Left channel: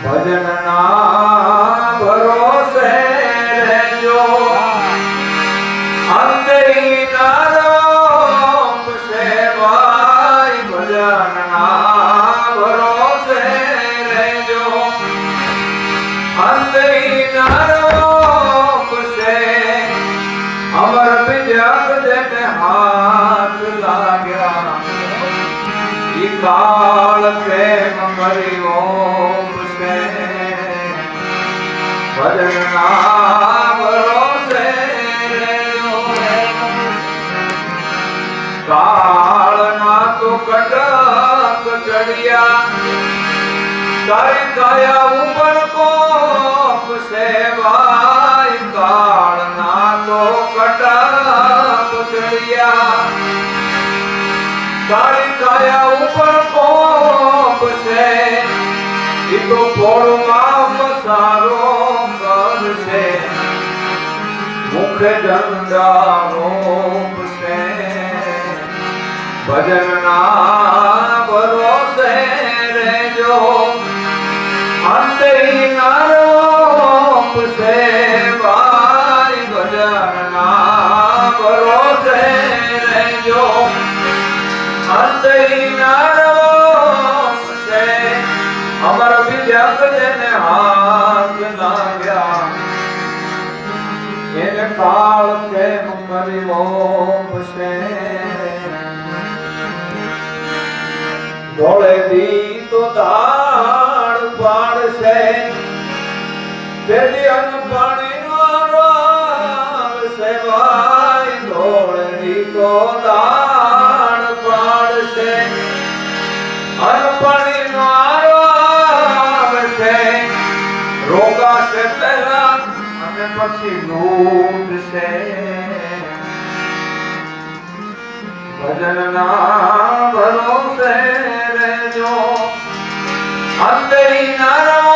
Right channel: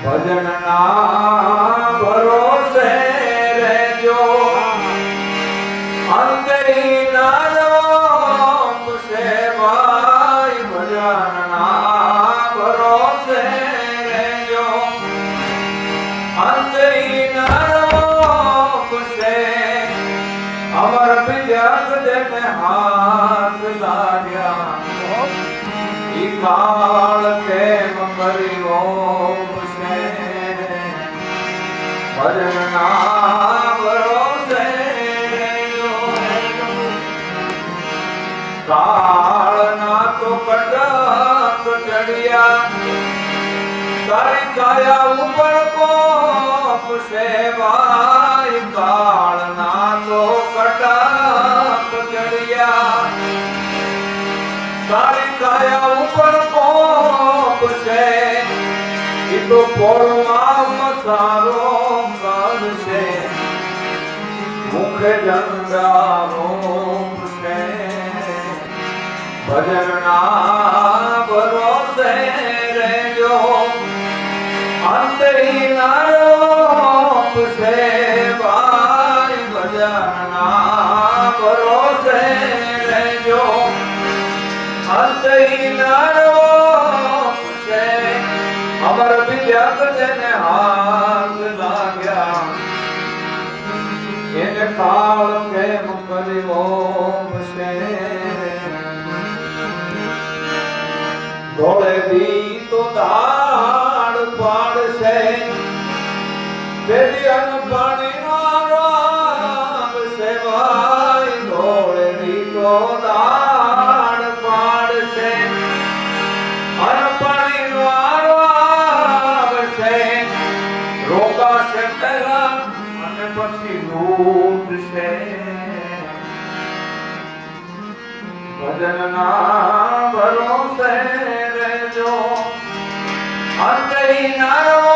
ભજનના ભરોસે રહેજો અંતરી નામ સેવાય ભજનના ભરોસે રહેજો અંતરી નામ સે અમર વિજય જેને હાથ લાગ્યા ઈ કાળ પ્રેમ કર્યો ભજનના ભરોસે રહેજો કાળના તો કટક ચડિયા તારી કાયા ઉપર કોપ સેવાય કાળના તો કટક ચડિયા તારી કાયા ઉપર કોપ છે ઈ તો પોળમાં મસારો કરશે મુખ ઝંડારો છે ભજનના ભરોસે રહેજો અંતરી નામ સેવાય ભજનના ભરોસે રહેજો અંતરી નામ સે અમર વિદ્યા જેને હાથ લાગ્યા એને કાળ કેમ કર્યો છે ધોળે દી તો દાળ પાડશે તેથી અન્ન પાણીનો રામ સેવાય ધોળે દી તો દાળ પાડશે અન્ન પાણીનો આરામ છે રોગાશે પહેલા અને પછી લૂટશે ભજનના ભરોસે રહેજો અંતરી નામ